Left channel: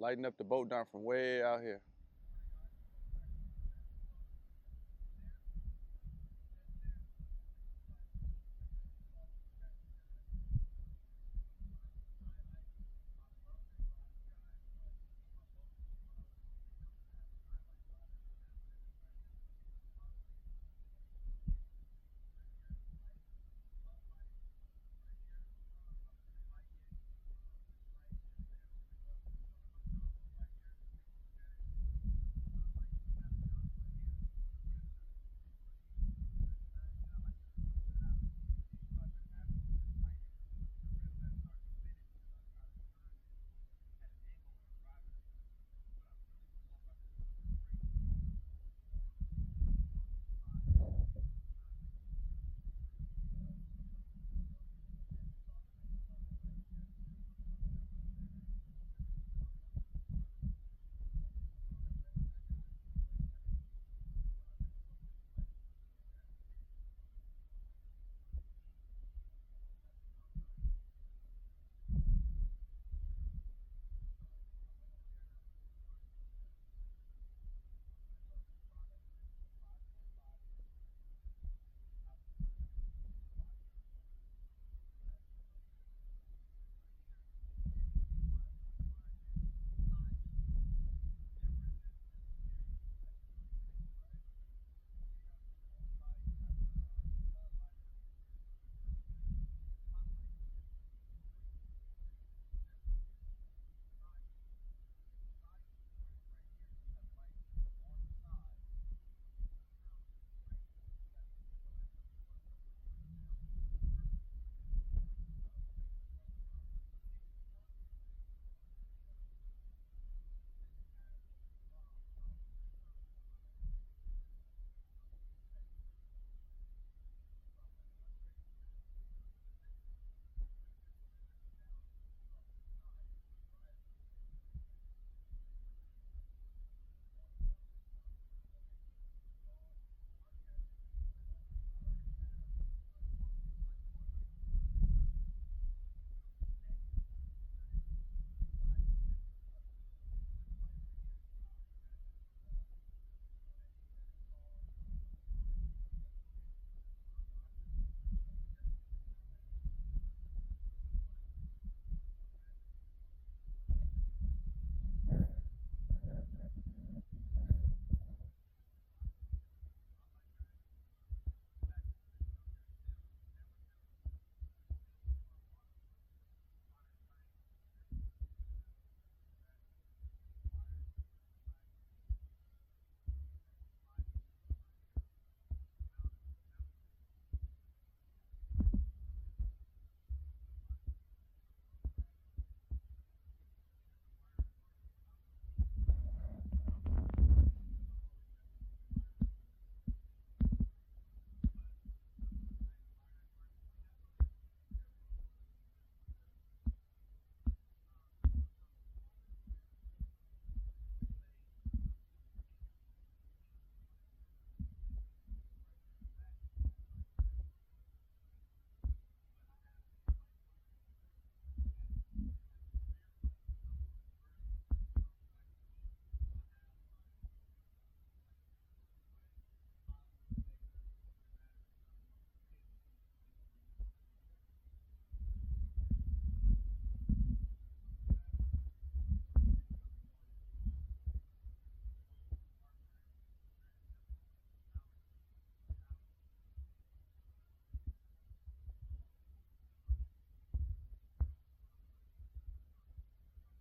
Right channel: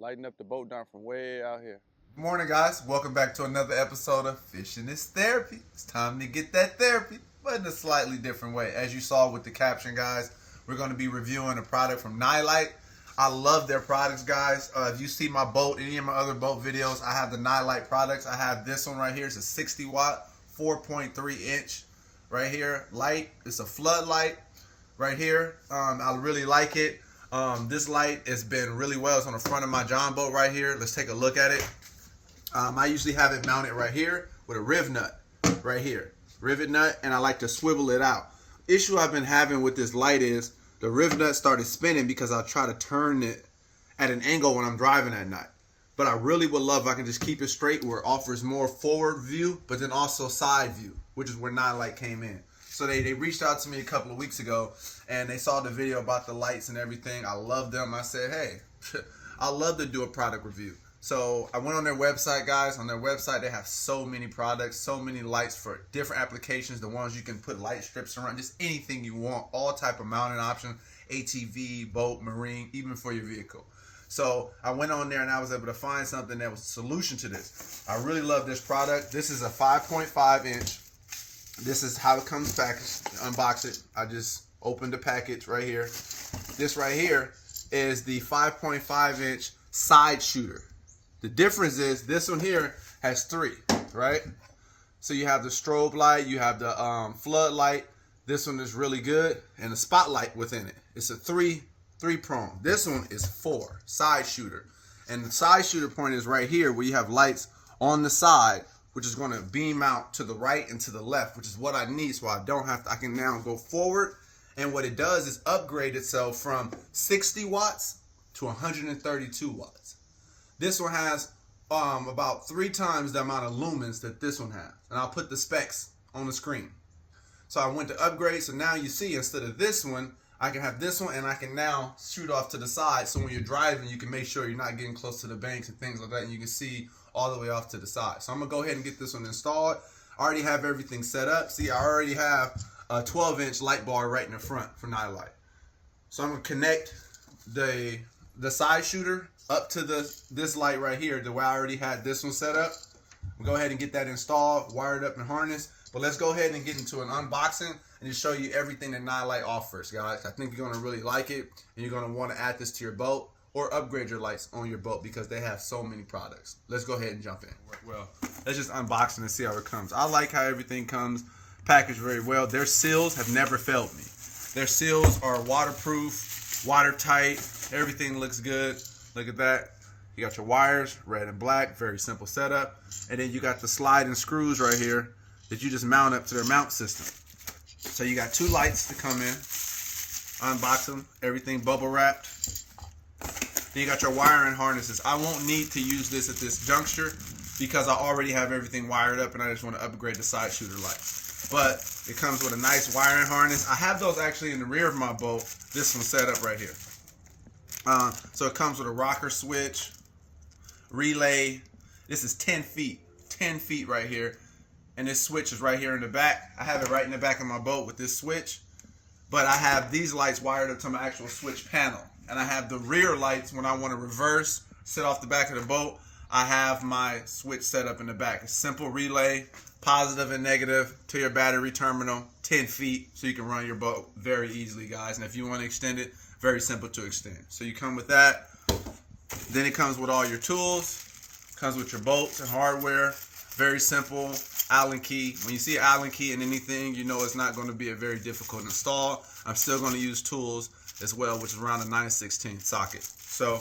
lighting up the boat down from way out here. Good morning, guys. Welcome back to another episode of Fishing is Therapy. It's time to get that therapy, but in a slightly different way. As you saw with the caption, guys, we're going to be reviewing a product from Nilight. I love their products, guys. If you see my boat, any of my other boat videos, I have the Nilight products. I have this one right here. It's a 60 watt, 4.3 inch right here light. It's a floodlight right here. I really like it. This light has been really well. It's on the front of my John boat right here. Let's take a look at it. I usually have it mounted right here with a riv nut right here. Rivet nut, and I like to swivel it out. Issue I've been having with this light is the riv nut started spinning because I try to turn it at an angle when I'm driving at night. But I really would love if I can just keep it straight where it offers more forward view, but then also side view, which is where Nilight came in. So they reached out to me a couple of weeks ago, and they saw the video about the lights and everything. I love them. I said, hey, I love to do a product review. So I went on their website, guys. On their website, they have so many products, so many lights for different applications. The ones you can put light strips around, just anything you want, all type of mounting options, ATV, boat, marine, even for your vehicle. So I went on there and I was able to find something that was a solution to this. I really love this product. This is a 5.5 inch. This is how it comes packaged. Unbox it. I just opened the package right here. This right here is the 5.5 inch side shooter. The difference is this one here has three, right? So you have the strobe light, you have the flood light. This one is really good, and the spotlight within it. It's a three prong. This one is 4 side shooter, and the side shooter point is right here where you have lights on the side, which is going to beam out to the right and to the left, which is what I need, so I don't have to. I can now go forward, and what it does is upgrade itself from 60 watts to 132 watts. This one has about 3 times the amount of lumens that this one has. And I'll put the specs on the screen. So I went to upgrade. So now you see, instead of this one, I can have this one, and I can now shoot off to the side. So when you're driving, you can make sure you're not getting close to the banks and things like that. And you can see all the way off to the side. So I'm going to go ahead and get this one installed. I already have everything set up. See, I already have a 12-inch light bar right in the front for Nilight. So I'm going to connect the side shooter up to this light right here, the way I already had this one set up. We'll go ahead and get that installed, wired up and harnessed. But let's go ahead and get into an unboxing and just show you everything that Nilight offers, guys. I think you're going to really like it, and you're going to want to add this to your boat or upgrade your lights on your boat because they have so many products. Let's go ahead and jump in. Well, let's just unbox it and see how it comes. I like how everything comes packaged very well. Their seals have never failed me. Their seals are waterproof, watertight. Everything looks good. Look at that. You got your wires, red and black, very simple setup. And then you got the sliding screws right here that you just mount up to their mount system. So you got 2 lights to come in. Unbox them, everything bubble wrapped. Then you got your wiring harnesses. I won't need to use this at this juncture because I already have everything wired up and I just want to upgrade the side shooter lights. But it comes with a nice wiring harness. I have those actually in the rear of my boat. This one's set up right here. So it comes with a rocker switch, relay. This is 10 feet right here. And this switch is right here in the back. I have it right in the back of my boat with this switch. But I have these lights wired up to my actual switch panel. And I have the rear lights when I want to reverse, sit off the back of the boat. I have my switch set up in the back. A simple relay, positive and negative to your battery terminal, 10 feet, so you can run your boat very easily, guys. And if you want to extend it, very simple to extend. So you come with that. Then it comes with all your tools. Comes with your bolts and hardware. Very simple. Allen key. When you see an Allen key in anything, you know it's not going to be a very difficult install. I'm still going to use tools as well, which is around a 9/16 socket. So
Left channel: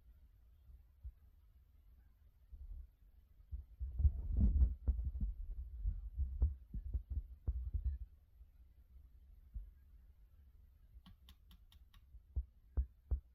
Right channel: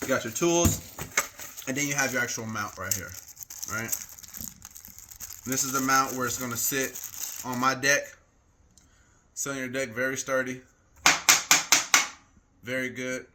you got your tools, and then you have your actual mount right here. Right? This is the mount where it's going to sit on my deck. Sit on your deck, very sturdy. Very good.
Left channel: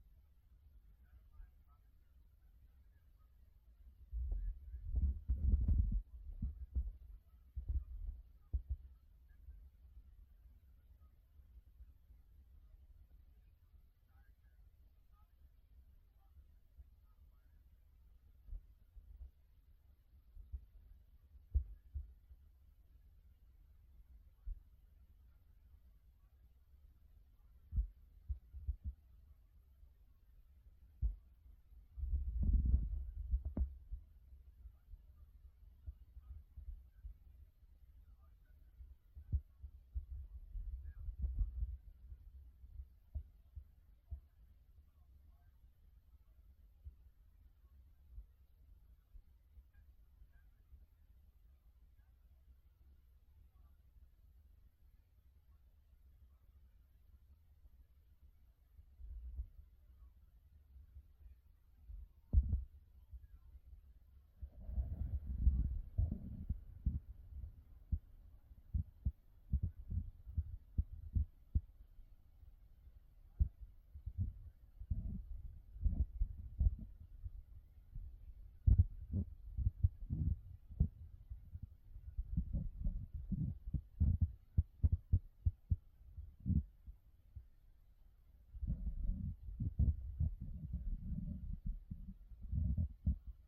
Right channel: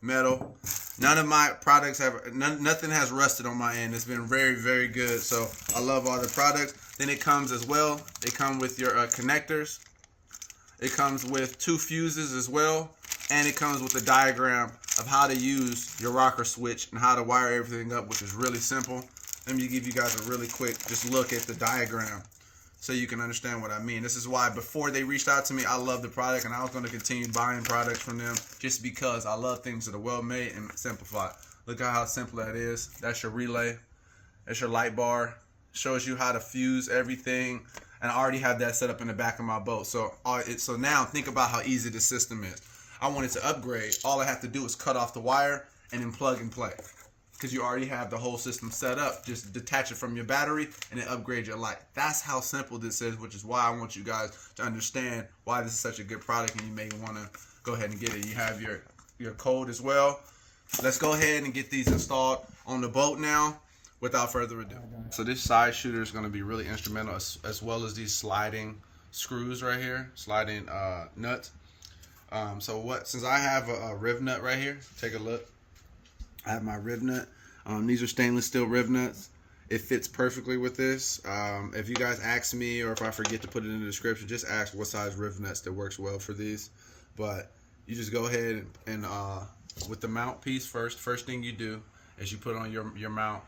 Metal. None of my products have, nothing has rusted on my end. It's been very, very good. So I love all the products. Then it comes as well. They come with your connectors. It comes with 2 fuses as well. And it comes with a diagram of how to use your rocker switch and how to wire everything up, which is really simple. Let me give you guys a really quick just look at the diagram so you can understand what I mean. This is why before they reached out to me, I love the product, and I was going to continue buying products from them just because I love things that are well made and simplified. Look at how simple that is. That's your relay. That's your light bar. Shows you how to fuse everything. And I already have that set up in the back of my boat. So now think about how easy this system is. I wanted to upgrade. All I have to do is cut off the wire and then plug and play. Because you already have the whole system set up. Just detach it from your battery and then upgrade your light. That's how simple this is, which is why I want you guys to understand why this is such a good product and you may want to go ahead and get it. You have your code as well. Let's go ahead and get these installed on the boat now without further ado. So this side shooter is going to be really instrumental as well as these sliding screws right here, sliding nuts. Since I have a rib nut right here, take a look. I have my rib nut. These are stainless steel rib nuts. It fits perfectly with this. If you guys ask me, or if I forget to put it in the description, just ask what size rib nuts that works well for these. But you just go ahead and with the mount piece first thing you do is you put on your mount.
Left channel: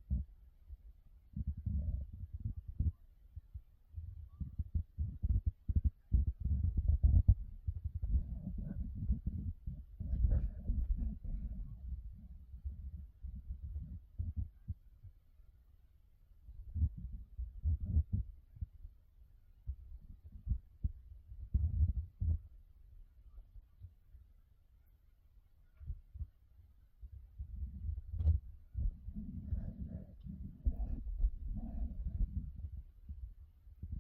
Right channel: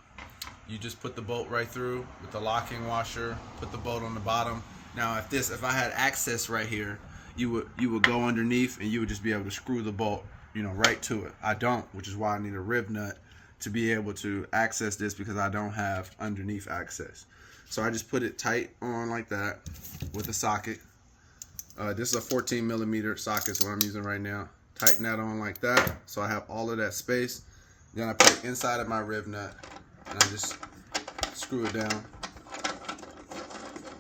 You just put the bolt right through with the locking washer, put the bolt on the bottom. Now if I had access right here, you would go underneath and you would just be able to screw the bolt, right to it. I don't, which is why I need a rib nut to be able to access this, because I don't have underneath access. So I just put it tight on like that with a socket. This is a 14 millimeter socket, is what I'm using right now. Tighten that on like that, so I have all of that space. Then I put it inside of my rib nut, and I just screw it down.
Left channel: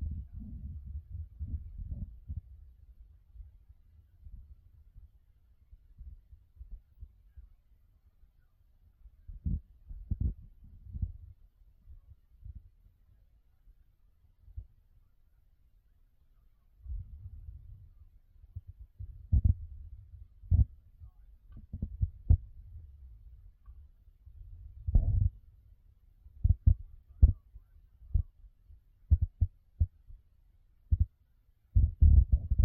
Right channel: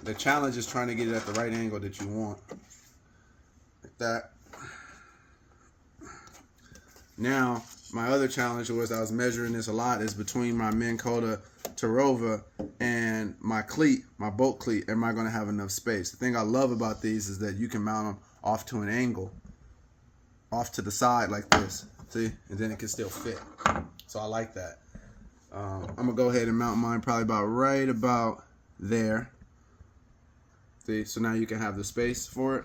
The challenge is trying to get it at the right angle that you want. Like that. Now, my other challenge was, I was measuring this a lot, is between my Minn Kota Tarova and my cleat, my boat cleat. Am I going to have enough space? The thing I love about these is that you can mount them off to an angle, off to the side like this, see? And then it can still fit. So I like that. I'm going to go ahead and mount mine probably right about there. See, so now you can have the space for it.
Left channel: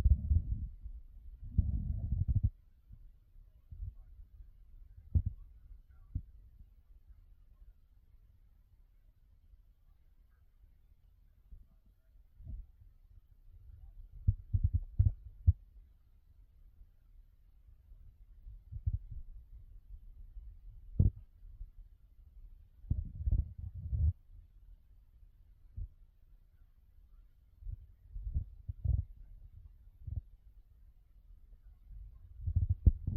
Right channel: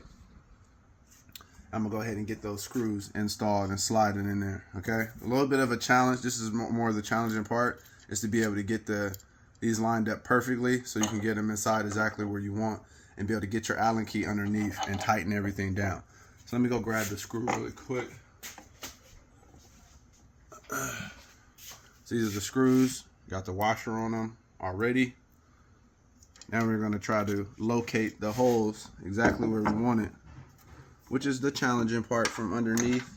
I'm gonna go ahead and get those screws installed and slide it in there. Okay, a little bit of a challenge. This is more of the challenging part, is to be able to get these lined up perfectly so you can get them inside exactly where you want and be able to get your Allen key underneath and tighten everything down. So let me go grab the screw really quick. So these are the screws. Got the washer on them already. Now we're gonna try to locate the holes exactly where we want it, which is the challenging part from underneath.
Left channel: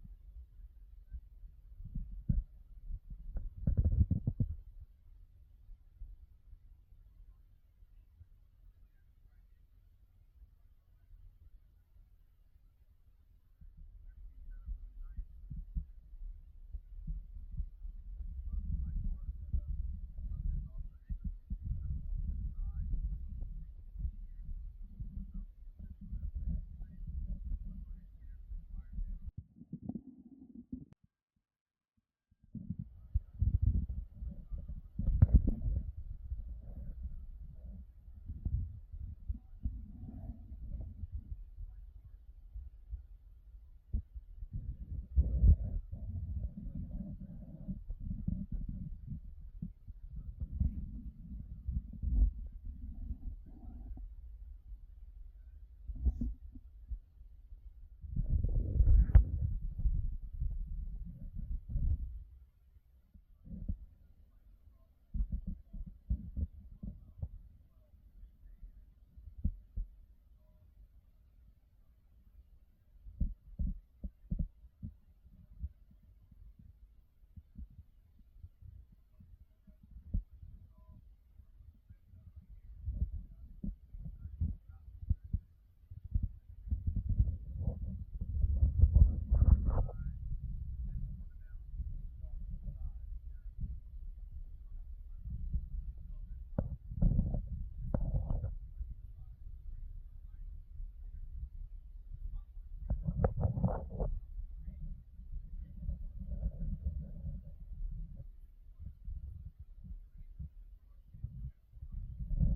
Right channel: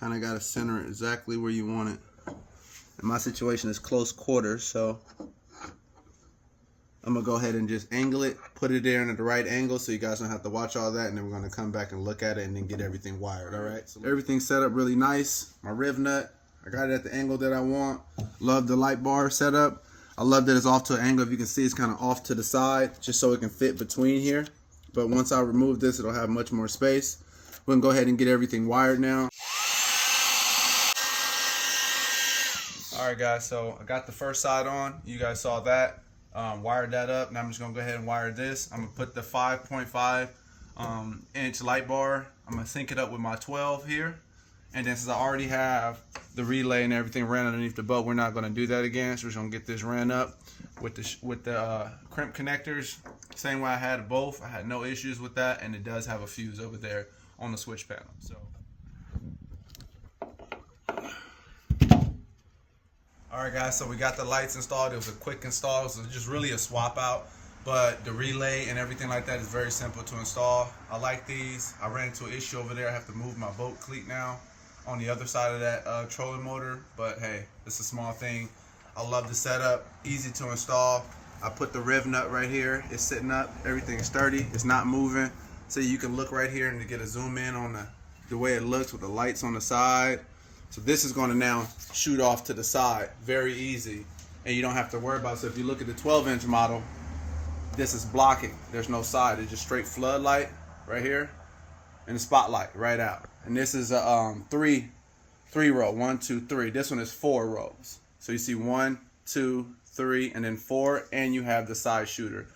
Kind of got to center it exactly where you want it. And my situation is close quarters, so I'm gonna go ahead and just angle it, put it there at the right angle so you guys don't have to watch all that, and then we're gonna come back and look at it and then get everything wired. All right, so everything's set up really nice. My rib nut, I got it at the angle that I want. Love the light bar setup. I love that it's off to an angle. If you can see, it's kind of off to the side, just so it can fit between here. But once I remove this, it'll have much more space. We're gonna go ahead and get everything wired now. All right, guys, so I got the first side on. You guys saw that. Wired that up. Now I'm just gonna go ahead and wire this. I'm gonna put the 5.5 inch light bar. I'm gonna sync it up with my 12 here. And then since I already have the relay and everything ran underneath the boat, we're not gonna do that again. So we're just gonna get this ran up with the crimp connectors. Same way I had both. I had no issues with that, and it does have a fuse over there on the switch panel. So. Alright guys, so we got the lights installed. It was a quick install, so just really a swap out. But the relay and everything like that is very simple to install. I like these. I ran into an issue over there. I have to move my boat cleat now on the other side of that trolling motor. But hey, it's a small thing. I love the setup. Easy to install. I put the rib nut right here. It's sitting up. Everything's sturdy. It's not moving. So you can look right here and to get a zoom in on the way it looks with the lights on the side. So this is going to now shoot off to the side. Very easy. And you don't have to worry about it. So if you look at the 12-inch model, this is blocking. There's no side. It's just straight floodlight right here and the spotlight right out. And this is a three row. 1, 2, 3. This one is 4 rows. So you see 1, 2, 3, and then 4, and you have the side shooter,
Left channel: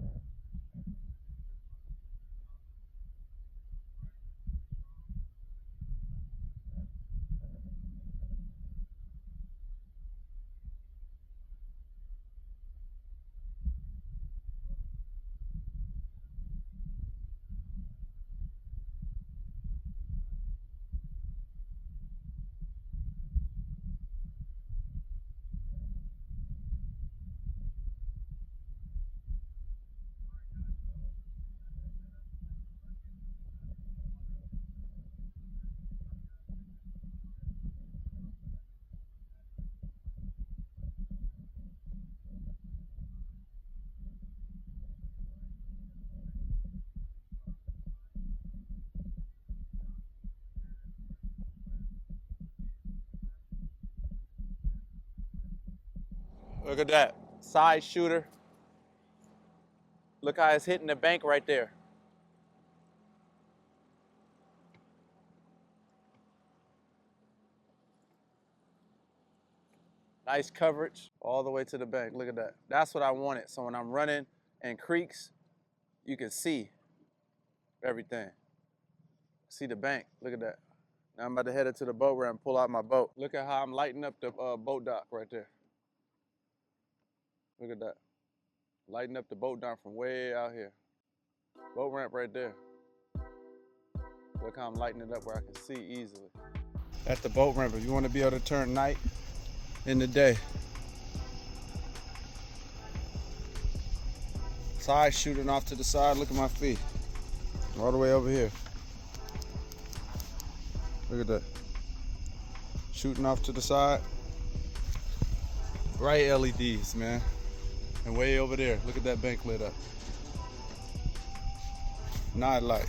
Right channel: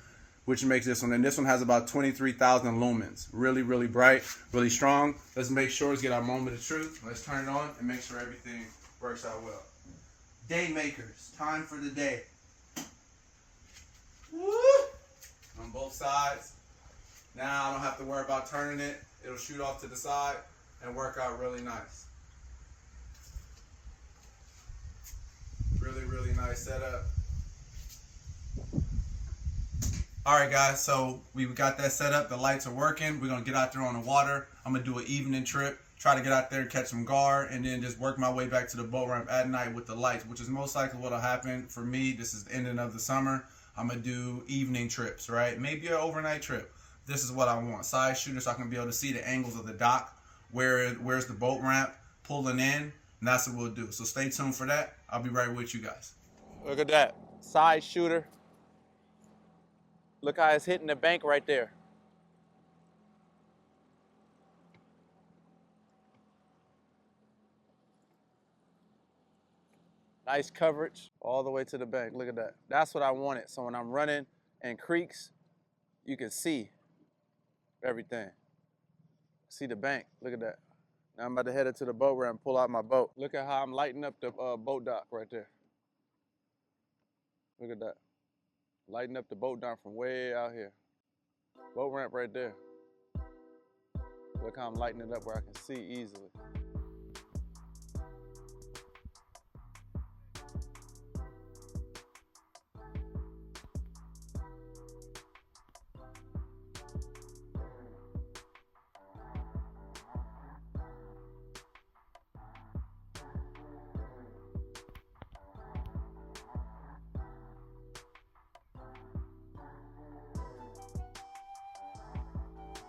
which makes this one. And this one has about 23,000 lumens. Really, really bright, really strong. Let's make sure, let's get our moment of truth. Let's turn it on and make sure everything works out well. Day makers, time for the day. Woo! On both sides. Now I don't have to worry about turning it. It'll shoot off to the side. out really nice. Really, really nice setup. Alright guys, so we got that set up. The lights are working. We're going to get out there on the water. I'm going to do an evening trip. Try to get out there, catch some gar, and then just work my way back to the boat ramp at night with the lights, which is most likely what will happen for me. This is the ending of the summer. I'm going to do evening trips, right? Maybe an overnight trip. This is what I want. Side shooter so I can be able to see the angles of the dock. Where's the boat ramp pulling in, and that's what we'll do. So stay tuned for that. I'll be right with you guys. Look at that. Side shooter. Look how it's hitting the bank right there. Nice coverage all the way to the bank. Look at that. That's what I wanted. So when I'm running in creeks, you can see everything. See the bank. Look at that. Now I'm about to head into the boat ramp and pull out my boat. Look at how I'm lighting up the boat dock right there. Look at that. Lighting up the boat dock from way out here. Boat ramp right there. Look how I'm lighting it up where I can see easily. At the boat ramp, if you want to be able to turn night into day. Side shooting off to the side. Look at my feet. All the way over here. Look at that. Shooting off to the side. Bright LEDs, man. And way over there, look at that bank lit up. Night light.